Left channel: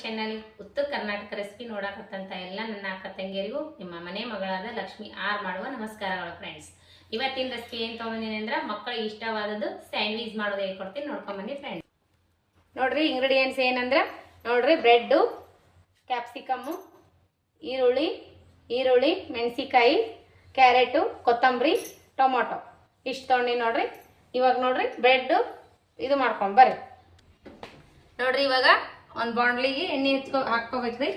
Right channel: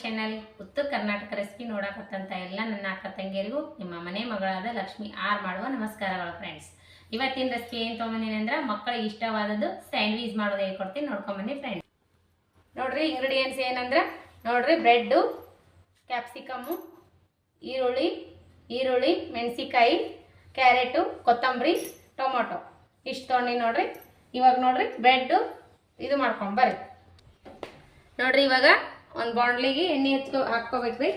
Channel ಉತ್ತರ Karnataka recipe ನೋಡಕತ್ತಂತ ಎಲ್ಲ ನನ್ನ ಅಕ್ಕ ತಂಗಿಯರಿಗೂ ನಿಮ್ಮ ಮನೆ ಮಗಳಾದ ಲಕ್ಷ್ಮಿ ಆರ್ ಮಾಡುವ ನಮಸ್ಕಾರಗಳು ಫ್ರೆಂಡ್ಸ್. ಇವತ್ತಿನ ರೆಸಿಪಿ ಏನು ತೊಗೊಂಬಂದಿನಿ ಅಂದ್ರೆ ಮಕ್ಕಳಿಗೆ ಇಷ್ಟವಾದದ್ದು ಸ್ಯಾಂಡ್ವಿಚ್ ಮಾಡೋದು ಹೇಳ್ಕೊಡ್ತೀನಿ, ನೋಡ್ಕೊಂಬನ್ನಿ ಫ್ರೆಂಡ್ಸ್. ನೋಡ್ರಿ ಇಂಗ್ರೀಡಿಯೆಂಟ್ಸ್ ಏನಂದ್ರೆ ನೋಡ್ರಿ ಬ್ರೆಡ್, ಕ್ಯಾಪ್ಸಿಕಮ್ಮು, ಈರುಳ್ಳಿ, ಮೆಣಸಿಕಾಯಿ, ಕ್ಯಾರೆಟು, ಕೊತ್ತಂಬರಿ, ಟೊಮೊಟೊ ಇಷ್ಟು ತೊಗೊಂಡು ನೋಡ್ರಿ. ಇವಾಗ ನೋಡ್ರಿ ಬ್ರೆಡ್ ಇದು ಮಾಡ್ಕೊಂಡು ಬರ್ರಿ. ನೋಡ್ರಿ ಇವಾಗ ಒಂದು ಬಾಂಡ್ಲಿಗೆ ಎಣ್ಣೆ ಹಾಕ್ಕೋಬೇಕ್ರಿ.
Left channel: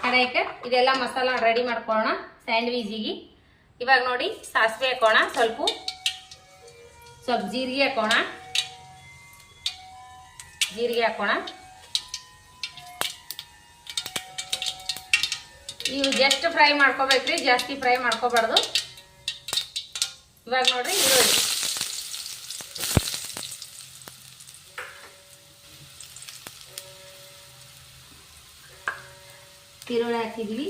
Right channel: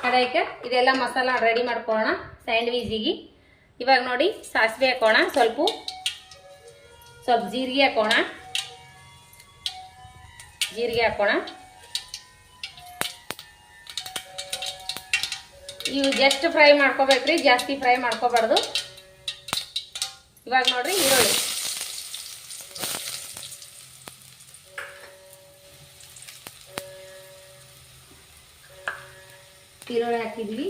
ಕಡೆಗೆ ಇದೆಲ್ಲ ಮಸಾಲ ರೆಡಿ ಮಾಡ್ಕೊಳ್ಳೋಣ ಸ್ಯಾಂಡ್ವಿಜಿಗೆ. ಇವಾಗ ನೋಡಿ ಸಾಸಿವೆ ಹಾಕೋಣ, ಸ್ವಲ್ಪ ಜೀರಿಗೆ ಹಾಕೋಣ. ಇವು ಜಸ್ಟ್ ಫ್ರೈ ಮಾಡ್ಕೋಬೇಕ್ರಿ, ಜಾಸ್ತಿ ಫ್ರೈ ಮಾಡ್ಕೋಬಾರ್ದು. ಇವಾಗ ನೋಡ್ರಿ ಈರುಳ್ಳಿ ಹಾಕಿದ್ವಿ.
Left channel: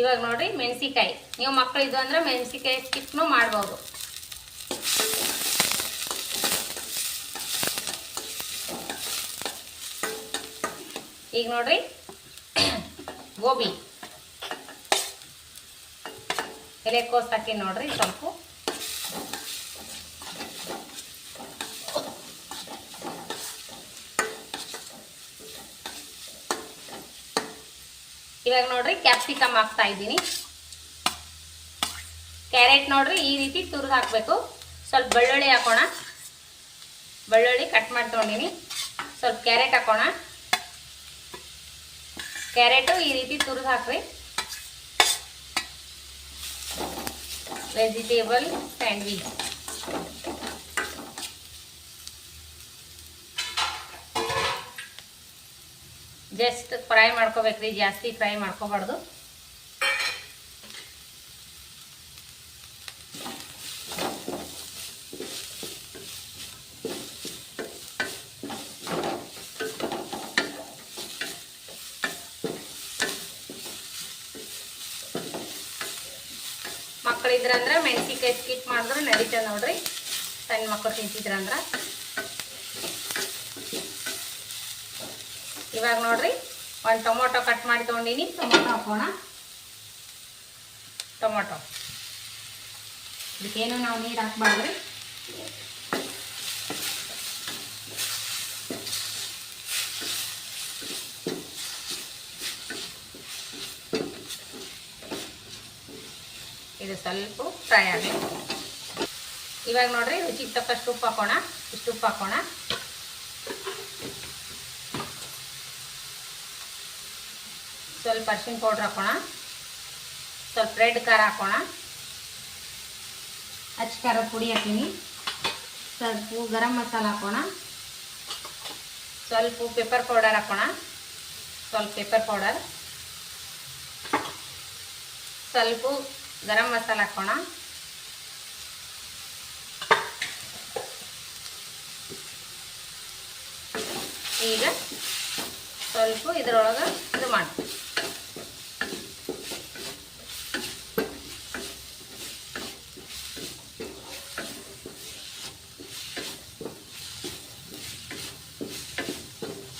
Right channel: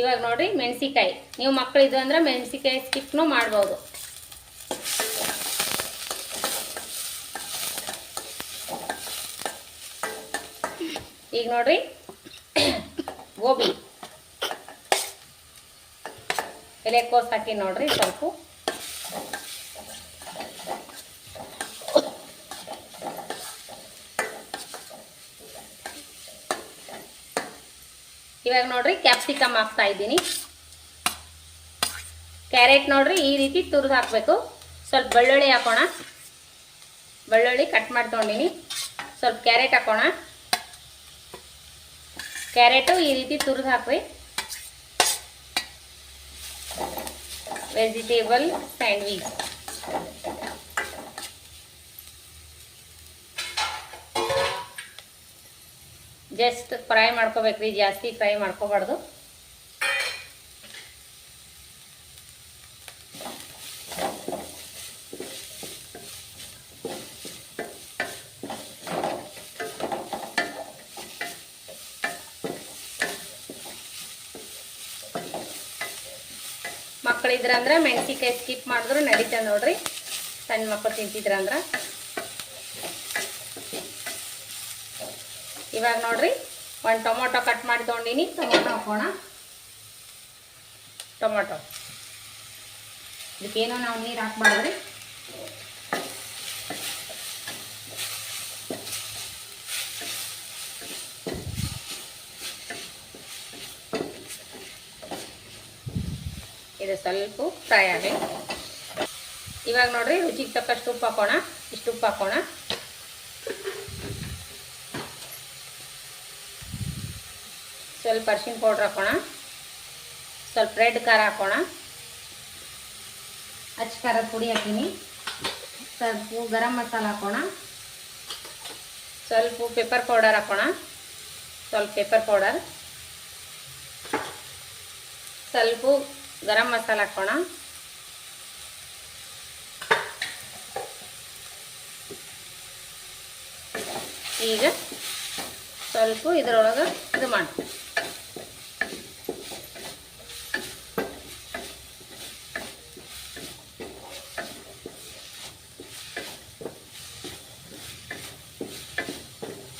ಇವಾಗ ನೋಡ್ರಿ ಮೆಣಸಿಕಾಯಿ, ನೀವು ಮಕ್ಕಳಿದ್ದು ಅಂದ್ರೆ ಮೆಣಸಿಕಾಯಿ ಸ್ಕಿಪ್ನು ಮಾಡ್ಬೋದು. ಈಗ ನೋಡ್ರಿ ಗೋಬಿ, ಎಲೆಕೋಸು ಹಾಕಿ ನೋಡ್ರಿ ಸ್ವಲ್ಪ. ಇವಾಗ ನೋಡ್ರಿ ಕ್ಯಾಪ್ಸಿಕಮ್ ಹಾಕ್ತಾ ಇದ್ದೀನಿ. ಕ್ಯಾರೆಟ್ ನೋಡ್ರಿ ಈ ರೀತಿ ತುರಿದು ಹಾಕಬೇಕು. ಸ್ವಲ್ಪ ಬೆಳ್ಳುಳ್ಳಿ ಹಾಕೋಣ, ಬೆಳ್ಳುಳ್ಳಿ ಕಟ್ ಮಾಡಿ ತೊಗೊಂಡಿನಿ. ಸ್ವಲ್ಪ ಕ್ಯಾರೆಟ್ ಹಾಕೋಣ, ಕ್ಯಾರೆಟು ಈ ರೀತಿ ತುರಿದು ಹಾಕ್ರಿ. ವೆಜಿಟೇಬಲ್ ಸ್ಯಾಂಡ್ವಿಚ್ ಜಸ್ಟ್ ಫ್ರೈ ಮಾಡ್ಕೋಬೇಕ್ರಿ, ಜಾಸ್ತಿ ಫ್ರೈ ಮಾಡ್ಕೋಬಾರ್ದು. ಮಕ್ಕಳಿದ್ರಂದ್ರೆ ಮೆಣಸಿಕಾಯಿ ಸ್ಕಿಪ್ ಮಾಡಿದ್ರು ನಡೀತದೆ ನೋಡ್ರಿ, ಸಣ್ಣ ಮಕ್ಕಳು ತಿಂತಿದ್ರಂದ್ರ. ಇವಾಗ ನೋಡ್ರಿ ಒಂದು ಟೊಮೊಟೊ ಕಟ್ ಮಾಡಿ ತೊಗೊಂಡಿನಿ, ಟೊಮೊಟೊ ಹಾಕೋಣ. ಟೊಮೊಟೊ ಇದಕ್ಕೇನು ನಾವು ನೀರು ಹಾಕ್ಬಾರ್ದ್ರಿ. ಇದು ಸ್ವಲ್ಪ ಫ್ರೈ ಆಗಬೇಕು. ಇವಾಗ ನೋಡ್ರಿ ರುಚಿಗೆ ತಕ್ಕಷ್ಟು ಉಪ್ಪು ಹಾಕೋಣ. ಇಷ್ಟು ಉಪ್ಪು ಹಾಕೋಣ. ಸ್ವಲ್ಪ ಅರಿಶಿನ ಪೌಡ್ರ್ ಹಾಕೋಣ. ಸ್ವಲ್ಪ ರೆಡ್ ಖಾರ ಹಾಕೋಣ. ಅಚ್ಚ ಖಾರದ ಪುಡಿ ಹಾಕೀನಿ. ಸ್ವಲ್ಪ ಗರಂ ಮಸಾಲ ಹಾಕೋಣ. ಸ್ವಲ್ಪ ಪೆಪ್ಪರ್ ಪೌಡರ್ ಹಾಕೋಣ. ಸ್ವಲ್ಪ ಪೆಪ್ಪರ್ ಪೌಡರ್, ಸ್ವಲ್ಪ ಗರಂ ಮಸಾಲ ಹಾಕೋಣ. ಈಗ ಸ್ವಲ್ಪ ಇದರೊಳಗೆ ಇದು ಮಾಡಿ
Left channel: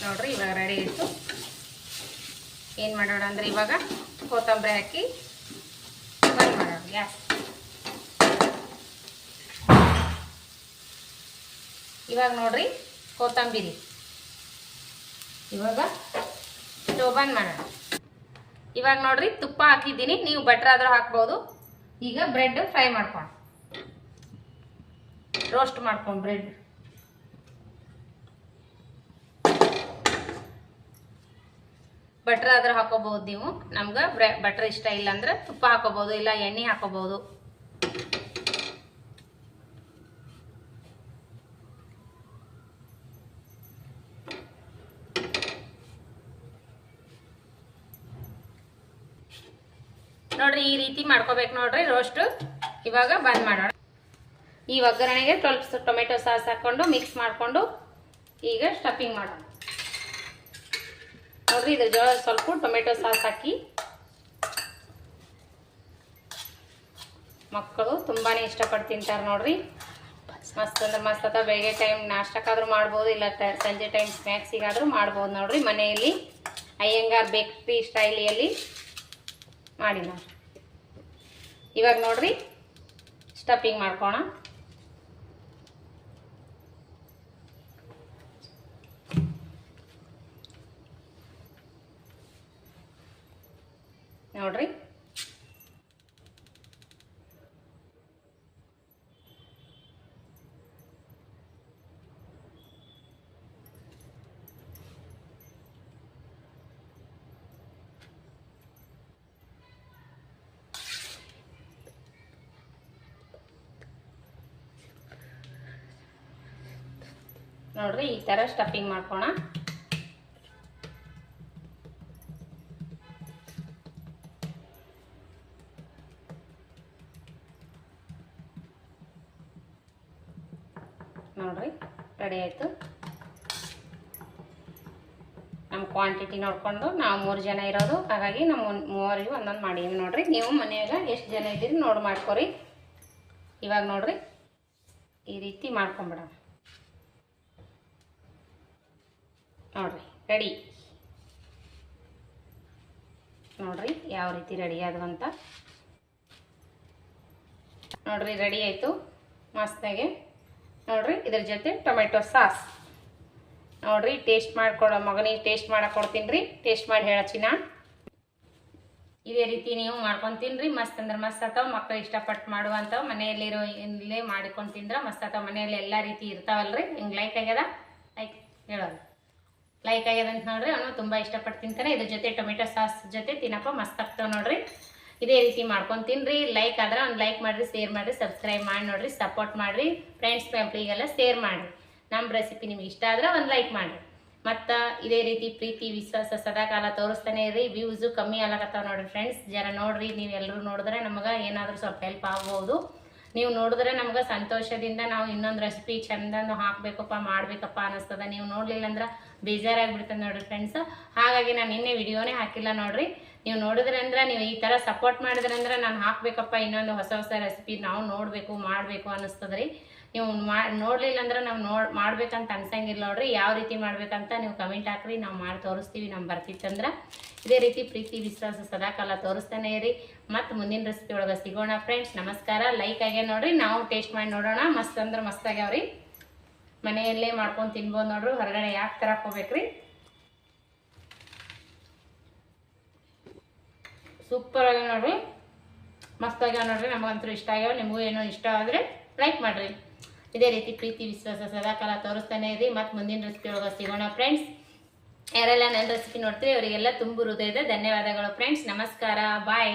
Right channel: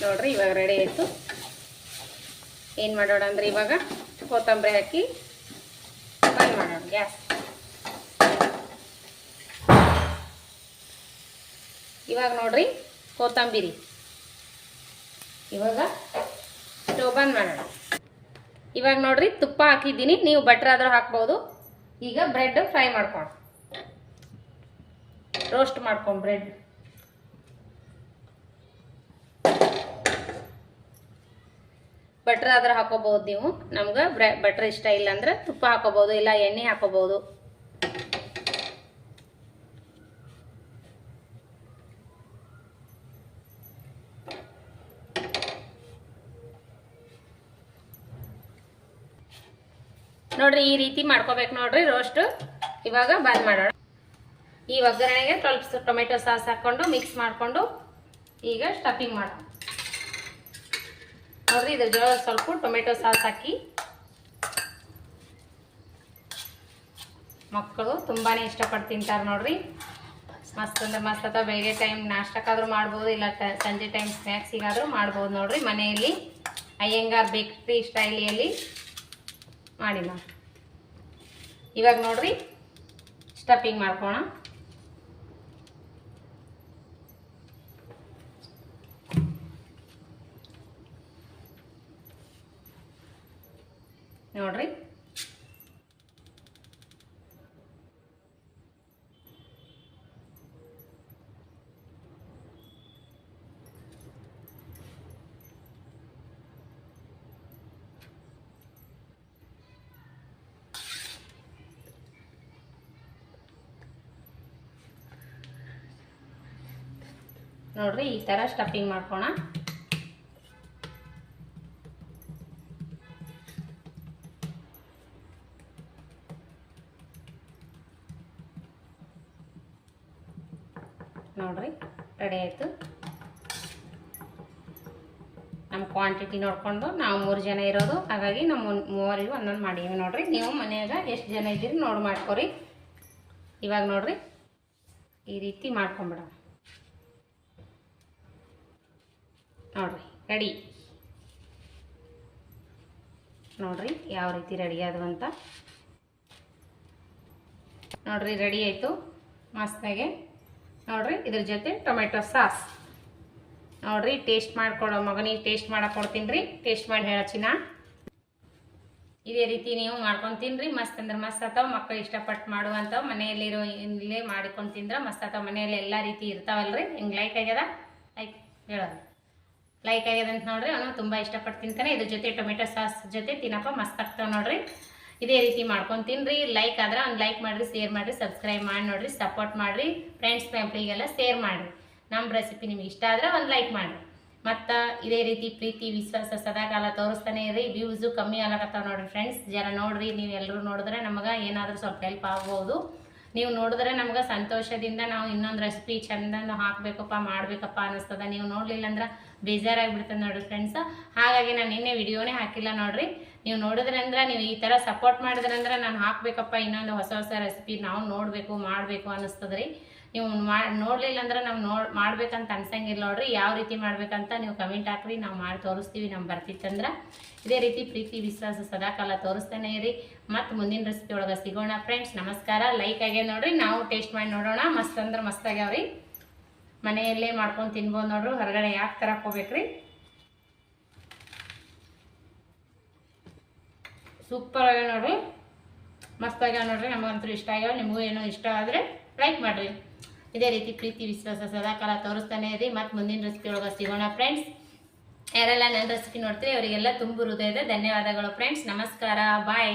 ನೋಡ್ರಿ. ಇವಾಗ ರೆಡಿ ಆಯಿತು. ಏನು ಮಾಡೋಣ ಅಂದ್ರೆ ಇವಾಗ ಕೊತ್ತಂಬರಿ ಹಾಕಿ ಬಂದ್ ಮಾಡೋಣ ಗ್ಯಾಸ್. ಇವಾಗ ನೋಡ್ರಿ ಕೊತ್ತಂಬರಿ, ಇವಾಗ ಸ್ಟವ್ ಬಂದ್ ಮಾಡೋಣ. ಇವಾಗ ನೋಡ್ರಿ ತುಪ್ಪ ಹಾಕಿದ್ದೀನಿ, ನೀವು ಬಟರ್ ಆದ್ರೂ ಹಾಕ್ಬೋದು. ಈಗ ಬ್ರೆಡ್ ಫ್ರೈ ಮಾಡ್ಕೊಂಡು ರೋಸ್ಟ್ ಮಾಡ್ಕೊಂಡು ಬ್ರೆಡ್ ಬಟರ್ ಆದ್ರೆ ಹಾಕೋಬಹುದು. ನೀವು ನಮ್ಗೆ ಬಟರ್ ಇಷ್ಟ ಇಲ್ಲ ಅಂದ್ರೆ ತುಪ್ಪ ಹಾಕೋಬಹುದು, ಇಲ್ಲ ಎಣ್ಣೆ ಹಾಕೋಬಹುದು. ನೋಡ್ರಿ ಈ ರೀತಿ ಮಾಡ್ಕೋಬೇಕು ನೋಡ್ರಿ ರೋಸ್ಟ್. ಇವಾಗ ಬಂದ್ ಮಾಡೋಣ. ಈ ಒಗ್ಗರಣೆಗೆ ಸ್ವಲ್ಪ ಟೊಮೆಟೊ ಸಾಸ್ ಹಾಕೊಂಡು ಮಿಕ್ಸ್ ಮಾಡಿಕೊಂಡು ಈಗ ಸ್ಟಫಿಂಗ್ ಮಾಡೋಣ. ನೋಡ್ರಿ ಇದ್ರ ಜೋಳ ಸ್ವಲ್ಪ ಟೊಮೆಟೊ ಸಾಸ್ ಹಾಕಿ. ಮಕ್ಕಳು ತುಂಬಾನೇ ಇಷ್ಟಪಟ್ಟು ತಿಂತಾರೆ ನೋಡ್ರಿ. ಮಸ್ತ್ ಅಂದ್ರೆ ಮಸ್ತ್ ಅಥವಾ ಬೆಳಗ್ಗೆ ಟೈಮ್ ನಾಷ್ಟಕ್ಕಾದ್ರೂ ಮಾಡ್ಬೋದು, ಇಲ್ಲ ಸಂಜೆ ಟೈಮ್ ಸ್ನ್ಯಾಕ್ಸಿಗಾದ್ರೂ ಮಾಡ್ಬೋದು ನೋಡ್ರಿ. ಮನೆಯಲ್ಲಿ ಅಯ್ಯಂಗಾರ್ ಬೇಕ್ರಿ ಸ್ಟೈಲಿಯಲ್ಲಿ ಮಾಡಿ ನೋಡಿ. ಇವಾಗ ನೋಡ್ರಿ ಸ್ಟಫಿಂಗ್ ಮಾಡ್ಕೋಣ. ನೋಡ್ರಿ ನೋಡ್ರಿ ಈ ತರ ಸ್ಟಫಿಂಗ್ ಮಾಡ್ಕೋಣ. ನೋಡ್ರಿ ರೆಡಿ ಆಯ್ತು. ನಮ್ಮ ಕ್ವಾಂಟಿಟಿ ನೋಡ್ಕೊಂಡು ನಾವು 3 ಜನ ಇರೋದು, ಹಾಗಾಗಿ ನಮ್ಮ ಮೂವರಿಗೂ ಒಂದೊಂದು ಮಾಡೀವಿ ನೋಡ್ರಿ. ನೀವು ಮನೆಯಾಗ ಎಷ್ಟು ಜನ ಇದ್ದೀರಿ ನೋಡಿ ಮಾಡ್ಕೊರಿ. ಇವಾಗ ನೋಡ್ರಿ ಈ ರೀತಿ ಮಾಡ್ಕೊಂಬಿಡೋಣ. ನೋಡ್ರಿ ರೆಡಿ. ನೋಡ್ರಿ ಯಾವ ರೀತಿ ರೆಡಿ ಆದವು ಅಂತ. ನೋಡ್ರಿ ರೆಡಿ ಆಯಿತು ಮಸ್ತಾಗೆ. ನೋಡ್ರಿ ಇದ್ರ ಜೊತೆ ಟೊಮೆಟೊ ಸಾಸ್. ನೋಡ್ರಿ ಟೇಸ್ಟ್ ಮಾಡ್ಕೊಡೋ ಮಗನಿಗೆ ಟೇಸ್ಟ್ ಮಾಡಕ್ಕೆ ಕೊಡ್ತೀನಿ ರೀ. ಟೇಸ್ಟ್ ಮಾಡಿ ಹೇಳಚ್ಚಿನ. ಇದೇ ರೀತಿ ನೀವು ಮಾಡ್ಕೊಂಡು ತಿನ್ರಿ. ಮಸ್ತ್ ಅಂದ್ರೆ ಮಸ್ತ್ ಅಥವಾ ಮಕ್ಕಳು ಇಷ್ಟಪಟ್ಟು ಮಾಡುವಂಥವು ಮನೆಯಲ್ಲಿರೋ ಇಲ್ಲೇ ಮಾಡಿಕೊಂಡು ತಿಂದ್ರೆ ಮಸ್ತ್ ಅಥವಾ. ಮನೆಯಲ್ಲಿ ಎಲ್ಲ ರೀತಿ ಇರ್ತಾವಲ್ರಿ. ಹಿಂಗೆ ಲೈಕ್ ಆಗ್ಯದ ಲೈಕ್ ಹೇಳೋದು ಲೈಕ್ ಆಗ್ಯದ ಅಂತ ನೋಡ್ರಿ. ಅವನು ತುಂಬ ಇಷ್ಟಪಟ್ಟು ತಿಂತಾನೆ. ಇದ್ರ ಜೊತೆ ಟೊಮೆಟೊ ಸಾಸ್ ಜೊತೆ ತಿನ್ನಪ್ಪ ಮಸ್ತ್ ಆಗ್ತಾವೆ ನೋಡ್ರಿ. ಇದೇ ರೀತಿ ಮಾಡ್ಕೊಂಡು ತಿನ್ರಿ. ಲೈಕ್ ಆದ್ರೆ ಒಂದು ಲೈಕ್ ಮಾಡಿರಿ, ಶೇರ್ ಮಾಡಿರಿ, ಸಬ್ಸ್ಕ್ರೈಬ್ ಮಾಡಿ ನೋಡ್ರಿ, ಸಪೋರ್ಟ್ ಮಾಡಿರಿ. ಫ್ರೆಂಡ್ಸ್ ಫ್ಯಾಮಿಲಿಗೆಲ್ಲ ಶೇರ್ ಮಾಡಿರಿ. ನಮ್ಮ ರೆಸಿಪಿ ನಿಮ್ಗೆ ಇಷ್ಟ ಆದರೆ ಒಂದು ಲೈಕ್ ಮಾಡಿರಿ. ಮತ್ತು ಇದೇ ರೀತಿ ಪ್ರೀತಿ ವಿಶ್ವಾಸ ಸದಾಕಾಲ ತೋರಿಸ್ತಾನೆ ಇರಿ. ವ್ಯೂಸು ಕಮ್ಮಿ ಆಗತ್ತಾವ ನೋಡ್ರಿ ಫ್ರೆಂಡ್ಸ್. ಜರ ನೋಡ್ರಿ. ನೀವು ಎಲ್ಲರೂ ನೋಡಿದ್ರೆ ನಮಗೆ ಏನಾದರೂ ಸ್ವಲ್ಪ ಹೆಲ್ಪ್ ಆಗ್ಬೋದು. ನೀವು ನೋಡಿದ್ರೆ ನಮ್ಗೆ ಸಂತೋಷದಿಂದ ನಾವು ಇನ್ನೊಂದು ರೆಸಿಪಿ ಚಂದಂದು ಹಾಕಬೇಕಪ್ಪ ಮಾಡಬೇಕಪ್ಪ ಅನ್ನಿಸ್ತದ. ನೀವು ನೋಡಲಿಲ್ಲ ಅಂದ್ರೆ ಬೇಜಾರಾಗಿಬಿಡ್ತದೆ ನೋಡ್ರಿ ಫ್ರೆಂಡ್ಸ್. ಹಾಗಾಗಿ ನಾನು ನಿನ್ನೆ ವಿಡಿಯೋನೇ ಹಾಕಿಲ್ಲ ನೋಡ್ರಿ. ನೀವು ನೋಡಿದ್ರೆ ಅಂದ್ರೆ ನೀವು ಈ ಥರ ಸಪೋರ್ಟ್ ಮಾಡಿದ್ರೆ ಅಂದ್ರೆ ನಾನು ಹಾಕಬೇಕಪ್ಪ ಇನ್ನೊಂದು ಹೊಸ ಹೊಸ ರೆಸಿಪಿ ನಾವು ನೋಡಬೇಕು ಮಾಡಬೇಕು ಅನ್ನಿಸ್ತದ್ರಿ. ನೀವು ನೋಡಲಿಲ್ಲ ಅಂದ್ರೆ ನಾವು ಮಾಡ್ಬೇಕಂತ ಅನ್ಸಂಗಿಲ್ಲ ನೋಡ್ರಿ. ಯಾವ ರೀತಿ ಮಾಡ್ಬೇಕಂತ ನೀವು ಕಮೆಂಟ್ ಹಾಕ್ರಿ, ನಾವು ಮಾಡಿ ತೋರಿಸ್ತೀವಿ. ನಮ್ಗೆ ಬರ್ತಿತ್ತಂದ್ರೆ ಇದೇ ರೀತಿ ಪ್ರೀತಿ ವಿಶ್ವಾಸ ಸದಾಕಾಲ ತೋರಿಸ್ತಾನೆ ಇರಿ. ಮತ್ತು ಮುಂದಿನ ರೆಸಿಪಿ ಒಳಗೆ ಸಿಗೋಣ ಫ್ರೆಂಡ್ಸ್. ನಮಸ್ಕಾರ. ಲೈಕ್ ಆಗ್ಯ ನೋಡ್ರಿ. ನಾವು ಟೇಸ್ಟ್ ಮಾಡಿ ನೋಡೋಣ. ಮಸ್ತ್ ಅಂದ್ರೆ ಮಸ್ತ್ ಆಗ್ಯಾವ್ರಿ. ಮನೆಯಲ್ಲೇ ಮಾಡ್ಕೊಂಡು ತಿನ್ಬೋದು ನೋಡ್ರಿ. ಹೊರಗಡೆ ಯಾಕೆ ತರಕ್ಕೆ ಹೋಗ್ಬೇಕ್ರಿ. ಸೂಪರ್ ಆಗ್ಯಾವ ನೋಡ್ರಿ. ಮಸ್ತ್ ಆಗ್ಯಾವ ನೋಡ್ರಿ. ನಮಗಂತೂ ಇಷ್ಟ ಆಗ್ಯಾವ. ನಿಮಗೂ ಏನೋ ಇಷ್ಟ ಆದರೆ ಲೈಕ್ ಮಾಡಿರಿ. ಇದೇ ರೀತಿ ಪ್ರೀತಿ ವಿಶ್ವಾಸ ಸದಾಕಾಲ ತೋರಿಸ್ತಾನೆ ಇರಿ. ಮತ್ತು ಮುಂದಿನ ರೆಸಿಪಿ ಒಳಗೆ ಸಿಗೋಣ ಫ್ರೆಂಡ್ಸ್. ಯಾರೆಲ್ಲ ನನ್ನ ರೆಸಿಪಿ ನೋಡ್ತೀವಿ ಅವರಿಗೆಲ್ಲ ತುಂಬ ಹೃದಯದ ಧನ್ಯವಾದಗಳು ಫ್ರೆಂಡ್ಸ್. ನಮಸ್ಕಾರ. ಬಾಯ್.